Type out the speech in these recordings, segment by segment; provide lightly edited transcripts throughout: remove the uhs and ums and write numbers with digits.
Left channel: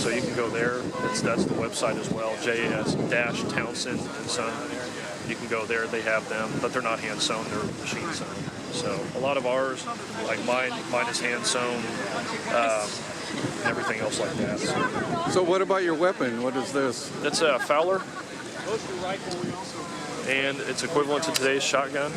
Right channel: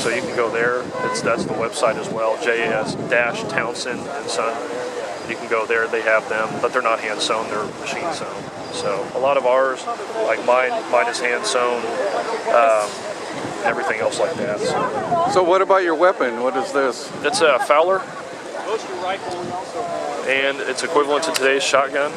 So you can go there. That's the website as well, JAS-Townsend and Son. You can go there. They have them, but they're not hand sewn. They're machine sewn. So a lot of ours, like mine is hand sewn. Everything else like that. So what about your weapon? What is this? It's a Fowler, and it's equivalent to today's shotgun.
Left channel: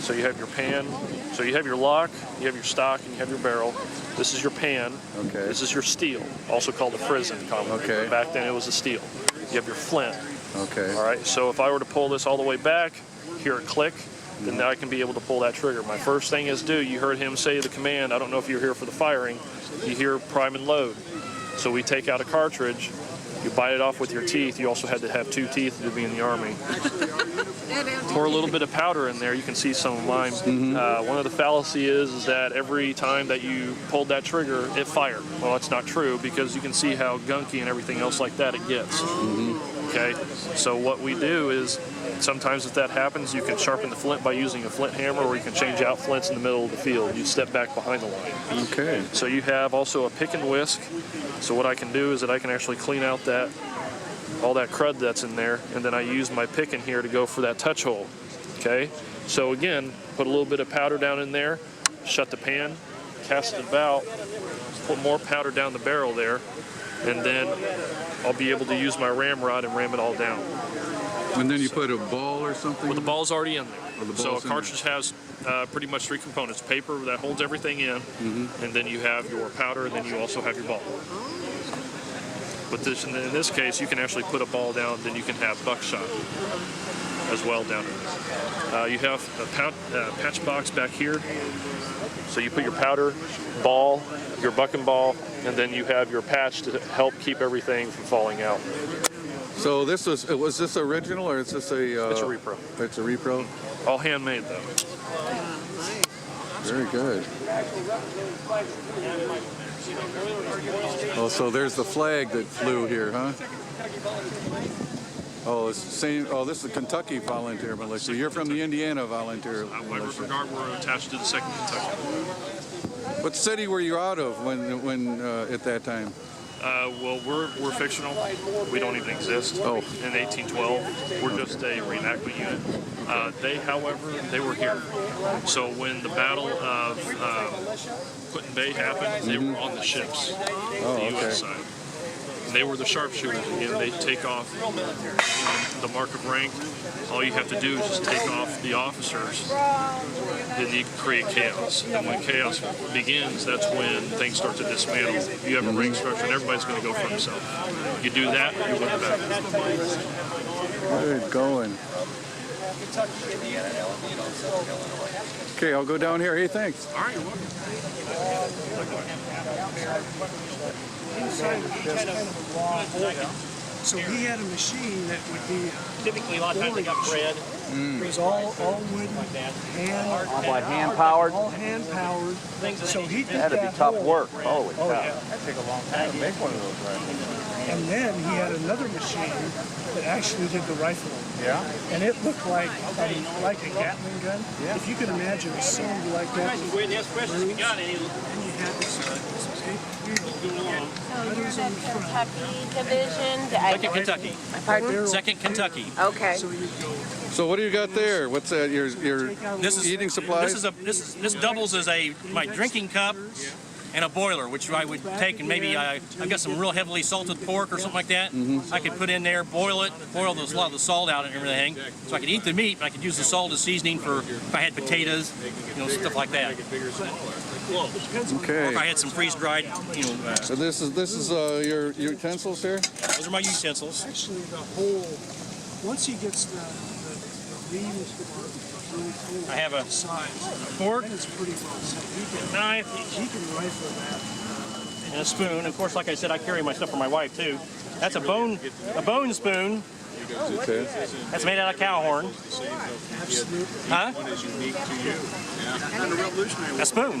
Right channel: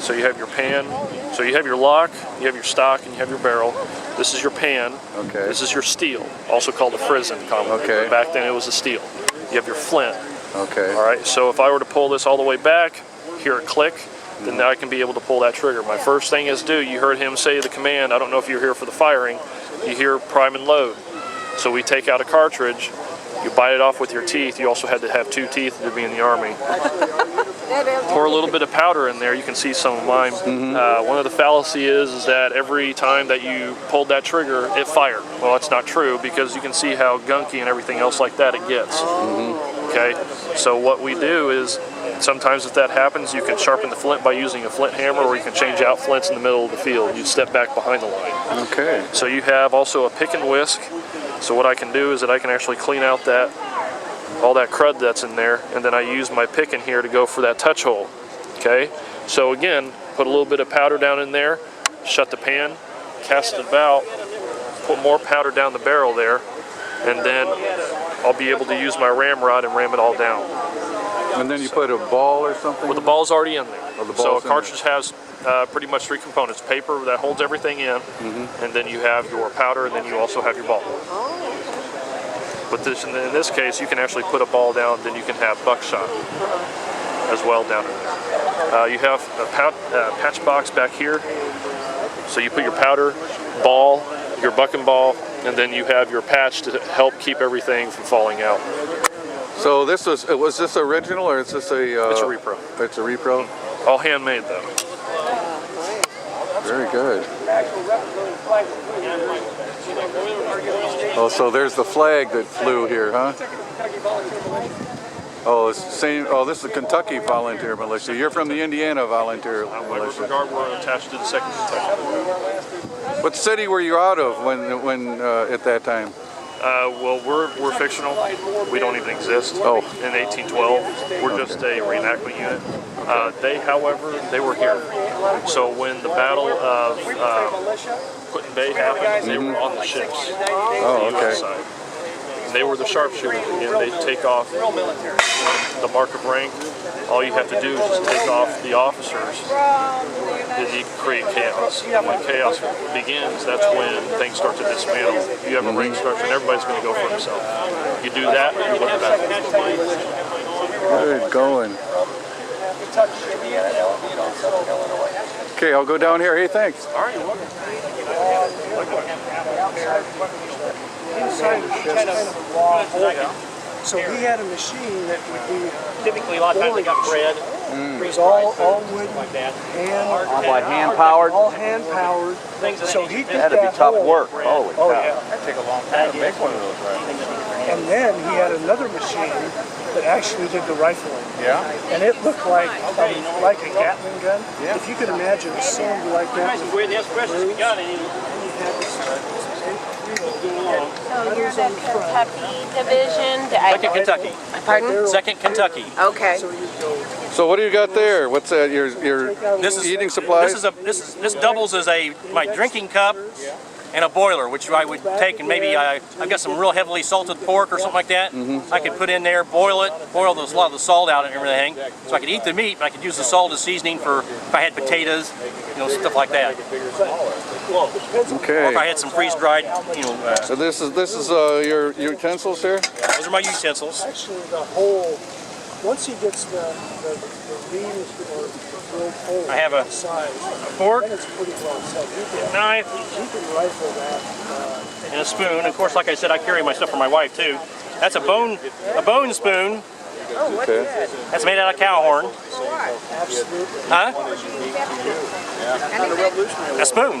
So you have your pan, so you have your lock, you have your stock, and you have your barrel. This is your pan. Okay. This is your steel, also called a frizzen commonly. Okay. Back then it was a steel. You have your flint. Okay. All right, so if I were to pull this all the way back, hear it click, then I can be able to pull that trigger. My first thing is you heard him say the command, I don't know if you're here for the firing, you hear prime and load. So we take out a cartridge, you bite it off with your teeth. You also had to have 2 teeth to be in the Army. Pour a little bit of powder in there. You can see some of mine. One of the fallacy is that every time that you pulled that trigger, it fired. Well, it's not true because you can see how gunky and everything else like that it gets. Okay, so what we do is sometimes if that happens, you can sharpen the flint by using a flint hammer, or you can change out flints in the middle of the field. You step back behind the line. Okay. So you have also a pick and whisk. So what I can do is that I can actually clean out all that crud that's in there, and then I use my pick in here to go for that touch hole. Okay. So again, put a little bit of powder down in there, shut the pan, cast it about, put more powder down the barrel there, and then I'll be able to use my ramrod and ram it all down. And then you put a ball or something? Well, the ball's already in there. Oh, the so ball's a cartridge has pretty much 3 components. Paper that holds everything in, and then you have your powder, and then you also have your ball. But in this case, you can actually put a ball down, then you can have buckshot as well down in there. You have a patch box back here. So you put your powder, ball, your bucking ball, and then you have your patch to help keep everything from falling out. So this was this original, or is this a... It's a repro. It's a repro? All handmade though. Very good. Oh, so there's the flag that flew here, huh? Oh, it's the same. Oh, this is the Kentucky Volunteer Militia. You're from the Indiana Volunteer Militia. We're attached to the 2nd Kentucky. What city were you out of when at that time? Well, we're fictional. We don't even exist. Oh. In 1812, we're just a reenactment unit. They, however, they were here. So when the Battle of Put-in Bay happened, they were on the ships, the U.S. side. And they were the sharpshooters. Again, they take off the mark of rank. All you have to do is just take off the officers. Then you create chaos. And when chaos begins, that's when things start to dismantle. You have a rank structure, and everybody's going to go for himself. You do that, you win the battle. Good going. Okay, I'll go down here. Hey, thanks. All right, you're welcome. Inside was kind of raw hole. So he had a machine that would be typically a lot of times they got bread. It was all wooden, hand powered. All hand powered. So he did that tough hole. work. Oh yeah. That'd take a long time to make one of those, right? And then he had another machine that actually did the rifling. Yeah. And it looked like a Gatling gun. Yeah. If you could imagine a cylinder like that. We're the questions we got any. And you had this big wheel. So you're the Kentucky division? 2nd Kentucky. Pardon? 2nd Kentucky. Okay. So you go. So what do you got there? What's that? Your eating supplies? This doubles as my drinking cup and a boiler, which I would take and maybe I've got some real heavily salted pork or something like that. I could put in there, boil it, a lot of the salt out and everything, so I could eat the meat. But I could use the salt as seasoning for if I had potatoes, stuff like that. Okay. Or if I had some freeze-dried, So this is your utensils here? Those are my utensils. Actually, the whole, once he gets the reams or drilled hole I have a size, fork, then it's pretty well set. knife, He can rifle that. and a spoon. Of course, like I said, I carry my stuff for my wife too. That's a bone spoon. Okay. That's made out of cow horn. Absolutely. Huh? A spoon. We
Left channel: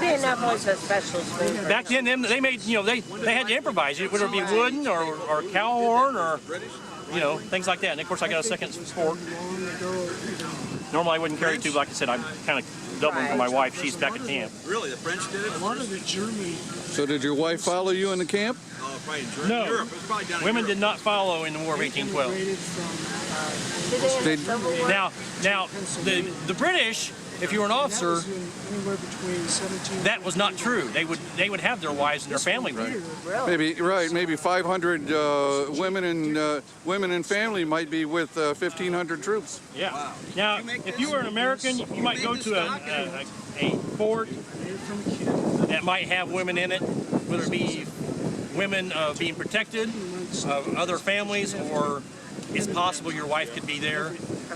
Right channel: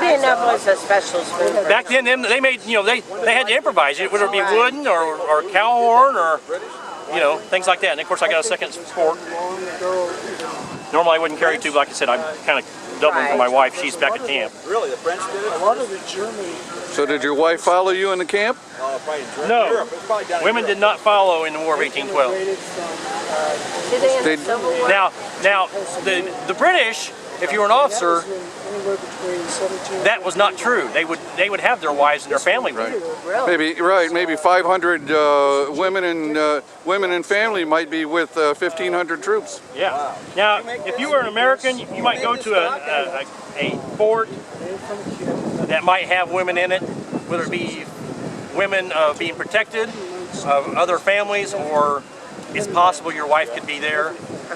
didn't know it was a special spoon. Back then, they made, they had to improvise it, whether it be wooden or cow horn or, things like that. And of course, I got a second fork. Long ago, even Normally I wouldn't carry two, but like I said, I'm kind of doubling for my wife. She's back at camp. Really, the French did it? A lot of the German. So did your wife follow you in the camp? Oh, probably in Europe. No. Europe. It's probably down in Women Europe. did not follow in the War of 1812. Immigrated from They, Now, the British, if you were an officer, anywhere between 17. that was not true. They would have their wives and their family with them. maybe 500 women and family might be with 1,500 troops. Yeah. Now, if you were an American, you might go to a fort From a kid. that might have women in it, whether it be women being protected of other families, or it's possible your wife could be there,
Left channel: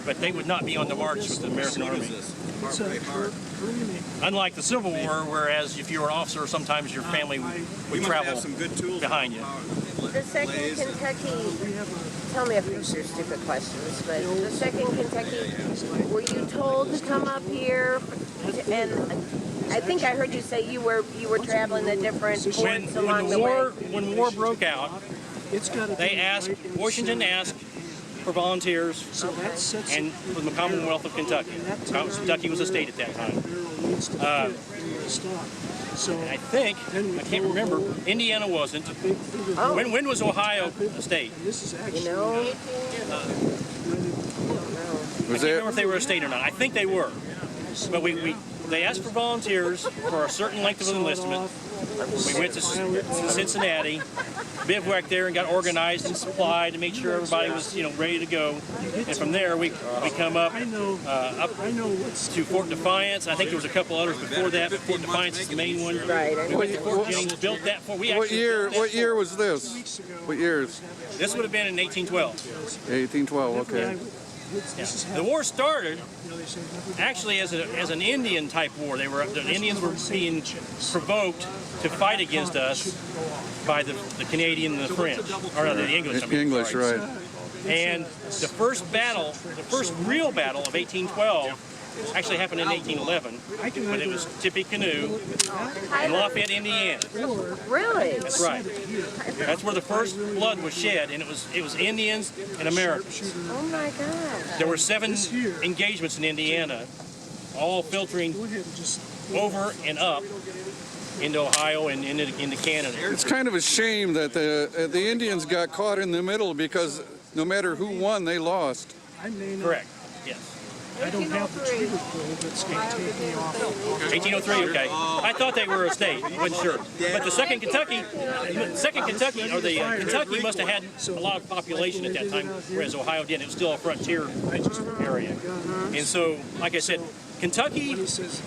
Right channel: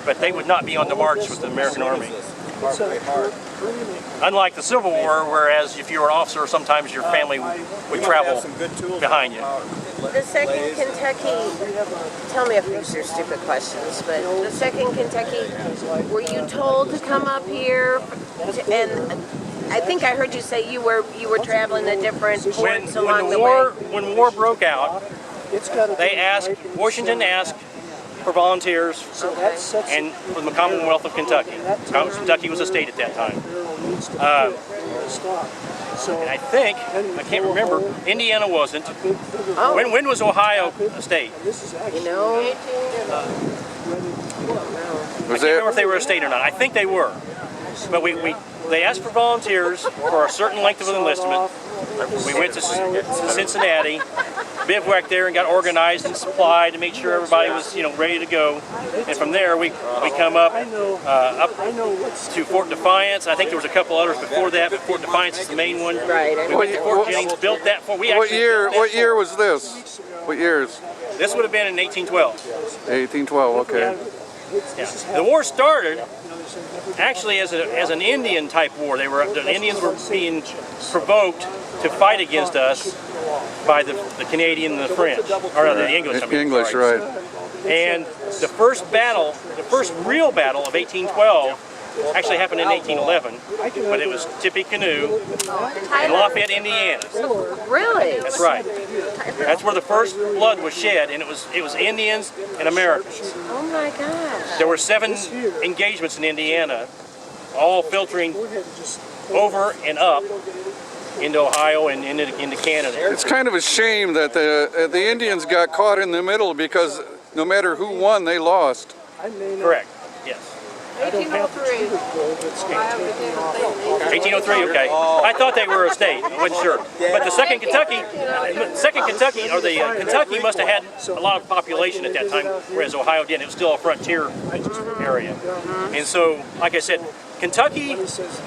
but they would not be on the march with the American Army. It's a Korean. Unlike the Civil War, whereas if you were an officer, sometimes your family would travel Have some good tools behind you. The second Kentucky, We have a tell me if these are stupid questions, but the second Kentucky, were you told to come up here? And I think I heard you say you were traveling to different When points along the when war broke out, it's got to they asked, Washington asked for volunteers, So that sets and from the Commonwealth of Kentucky. Kentucky was a state at that time. Needs to fit in the stock. So And I think, I can't remember, Indiana wasn't. big figure. When was Ohio a state? And this is actually No. Was ready. I can't there? remember if they were a state or not. I think they were. But they asked for volunteers for a certain length of enlistment. We went to Cincinnati, bivouacked there, and got organized and supplied to make sure everybody was, ready to go. And from there, we come up I know. up I know what's to Fort Defiance. I think there was a couple others before that, but Fort Defiance is the main one. We went to Fort Jennings, built that fort. We What actually year? built that What year fort. was this? What years? This would have been in 1812. 1812. Okay. The war started actually as an Indian type war. The Indians were being provoked to fight against us by the Canadian and the French, or the English. I mean, English, sorry. right? And the first battle, the first real battle of 1812, actually happened in 1811, but it was Tippecanoe in Lafayette, Indiana. Really? That's right. That's where the first blood was shed, and it was Indians and Americans. Oh my God. There were 7 engagements in Indiana, all filtering over and up into Ohio and into Canada. It's kind of a shame that the Indians got caught in the middle, because no matter who won, they lost. I may not. Correct. Yes. I don't have the trigger pull that's going to take me off. 1803. Okay. I thought they were a state. I wasn't sure. But the second Kentucky, or the Kentucky must have had a lot of population at that time, whereas Ohio didn't. It was still a frontier area. And so, like I said, Kentucky He says,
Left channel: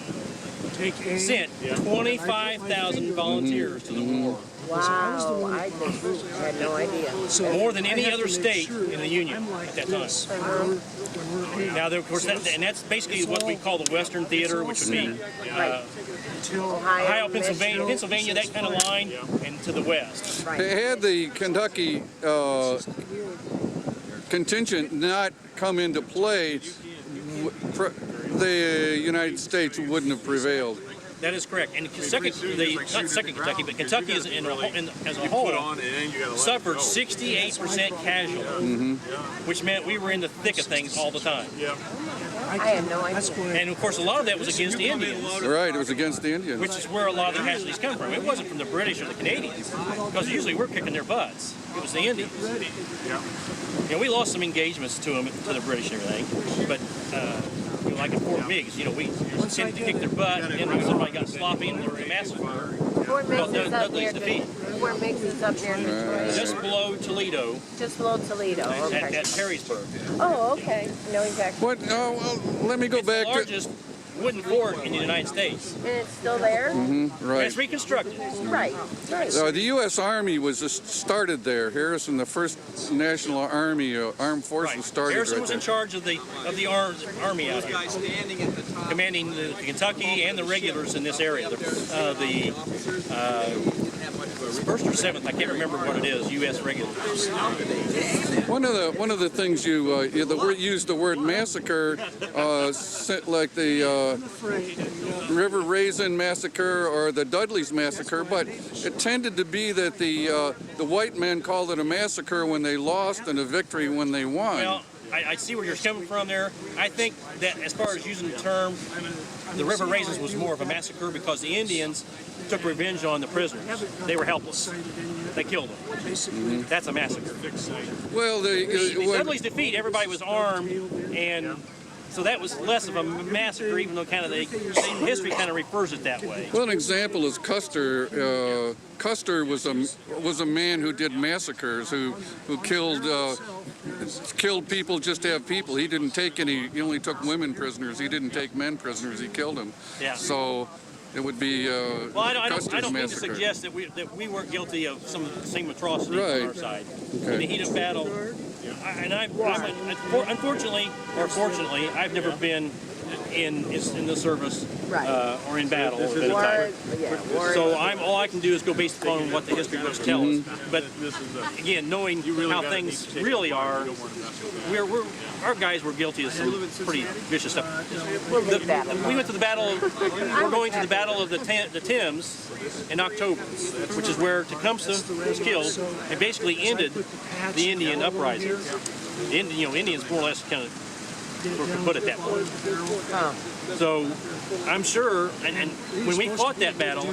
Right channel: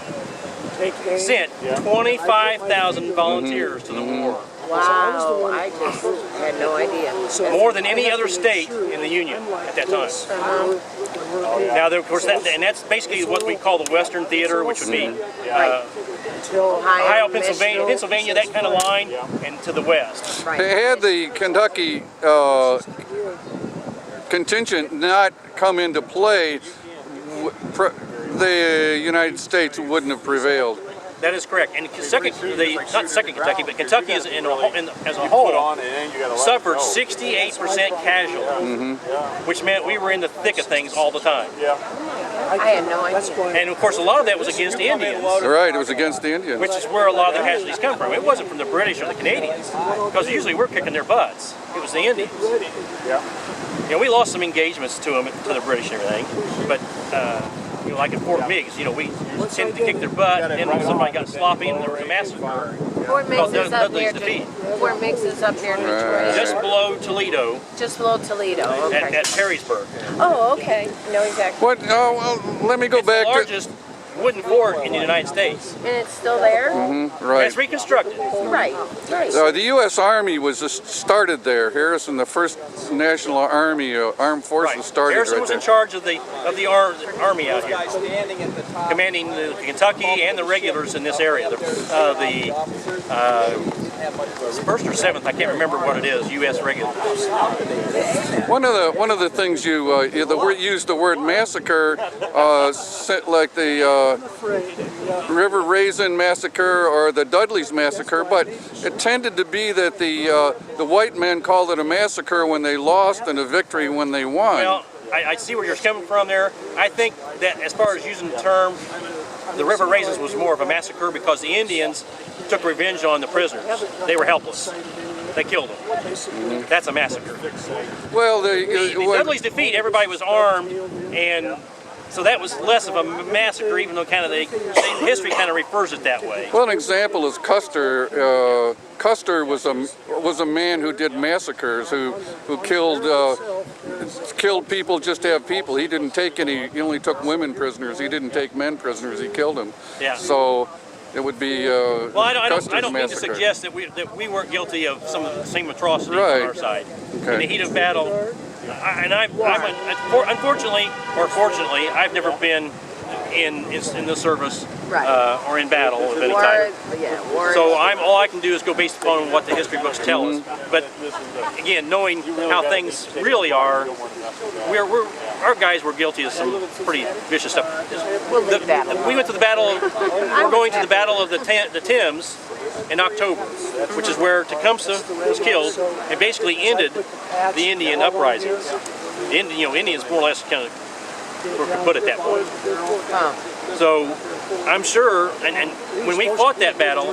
take aim. sent 25,000 volunteers to the war. So I was the one I had no idea. so More than I any have other to make state sure in the Union I'm like at that time. this when we're Now, of course, and that's basically what we call the Western Theater, which would be until Ohio, Pennsylvania, that kind of line, and to the west. Had the Kentucky contingent not come into play, the United States wouldn't have prevailed. That is correct. And not second Kentucky, but Kentucky as a whole suffered 68% casualty, which meant we were in the thick of things all the time. I can, that's why And of course, a lot of that was against the Indians, Right, it was against the Indians. which is where a lot of the casualties come from. It wasn't from the British or the Canadians, because usually we're kicking their butts. It was the Indians. We lost some engagements to them, to the British and everything, but like at Fort Meigs, we tended to kick their butt, and then when somebody got sloppy and there was a massacre called Dudley's defeat, Fort Meigs is up near just below Toledo, just below Toledo. at Perrysburg. Oh, okay. No, exactly. What? Well, let me go It's the back to. largest wooden fort in the United States. And it's still there? Right. It's reconstructed. Right. The U.S. Army was just started there. Harrison, the first National Army, Armed Forces, started Harrison right was there. in charge of the army out here, Standing at the top. commanding the Kentucky and the regulars in this area. The first or seventh, I can't remember what it is, U.S. regulars. One of the things you used the word massacre, like the River Raisin massacre or the Dudley's massacre, but it tended to be that the white men called it a massacre when they lost and a victory when they won. Well, I see where you're coming from there. I think that as far as using the term, the river raisins was more of a massacre because the Indians took revenge on the prisoners. They were helpless. They killed them. That's a massacre. Well, The Dudley's defeat, everybody was armed, and so that was less of a massacre, even though kind of history kind of refers it that way. well, an example is Custer. Custer was a man who did massacres, who killed people just to have people. He didn't take any. He only took women prisoners. He didn't take men prisoners. He killed them. Yeah. So it would be Well, I Custer's don't mean to massacre. suggest that we weren't guilty of some of the same atrocities Right. on our side. Okay. In the heat of battle, unfortunately or fortunately, I've never been in the service or in battle of any type. So all I can do is go based upon what the history books tell us. But again, knowing how things really are, our guys were guilty of some pretty vicious stuff. We went to the battle. We're going to the Battle of the Thames in October, which is where Tecumseh was killed and basically ended the Indian uprisings. Indians more or less kind of put it that way. So I'm sure, and when we fought that battle,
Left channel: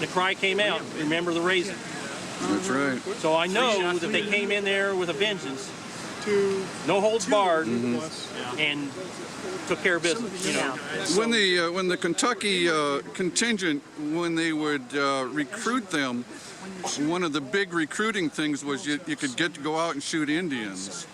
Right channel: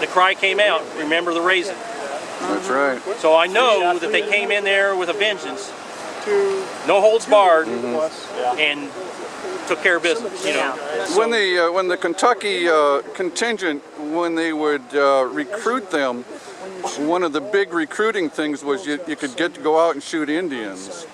the cry came out, remember the raisin. That's right. So I know that they came in there with a vengeance, no holds barred, and took care of business. When the Kentucky contingent, when they would recruit them, one of the big recruiting things was you could get to go out and shoot Indians.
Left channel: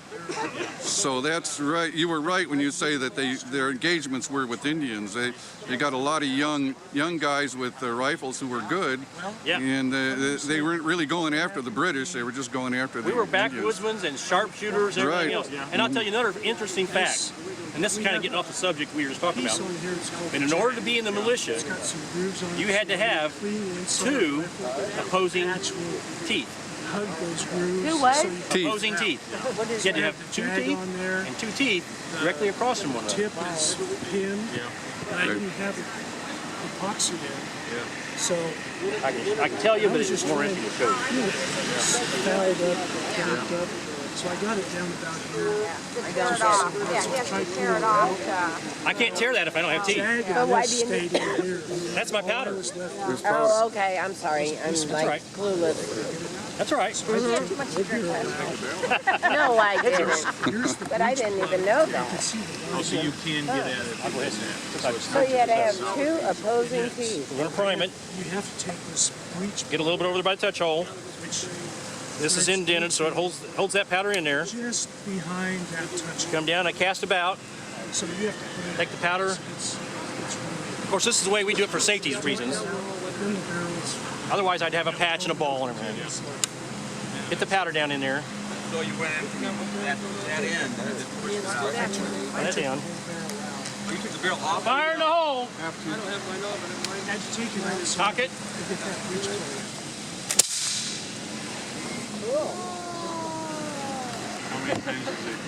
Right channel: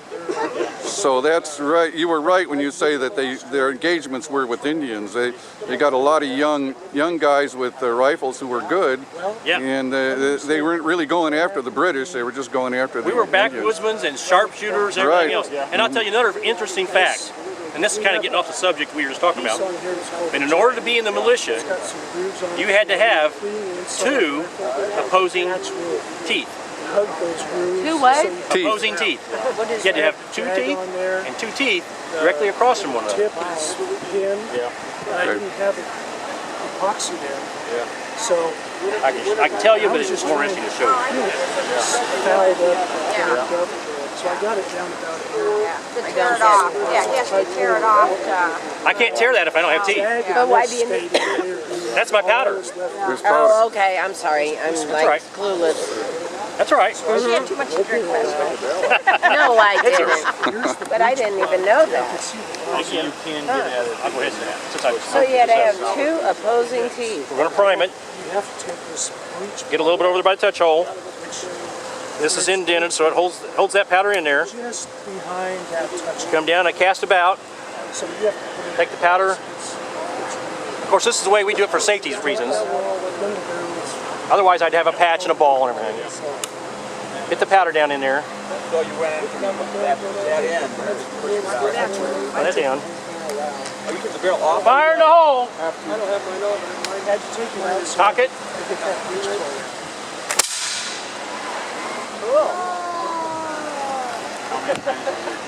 So that's right. You were right when you say that their engagements were with Indians. They got a lot of young guys with rifles who were good, and they weren't really going after the British. They were just going after the Indians. We were backwoodsmen and sharpshooters, everything else. And I'll tell you another interesting fact. And this is kind of getting off the subject we were just talking about. And in order to be in the militia, you had to have 2 opposing teeth. Hug those grooves. Do what? So you Teeth. Opposing teeth. You had to have 2 teeth on there. and 2 teeth directly across from one another. Tip is pinned. And I didn't have epoxy there. So I can tell you, but it's just more interesting to show you. fouled up, tapped up. So I got it down about here. I pulled it out. I can't tear that if I don't have teeth. Bag But and why this do you- stayed in here. That's my powder. All that was left There's powder. Oh, okay. I'm sorry. I'm like right. clueless. That's all right. No, I didn't. But I didn't even know that. So you can get at it with that. So you had to have 2 opposing teeth. We're going to prime it. You have to take this breech Get a little bit over there by the touch hole. This is indented, so it holds that powder in there. just behind that touch. Come down and cast about. So you have to put it. Take the powder. Of course, this is the way we do it for safety reasons. Then the barrels. Otherwise, I'd have a patch and a ball and everything. Get the powder down in there. So you went in from that end and just pushed it out. Put it down. Oh, you took the barrel off? Fire in the hole. I had to take it out so Cock it. I get that breech plug.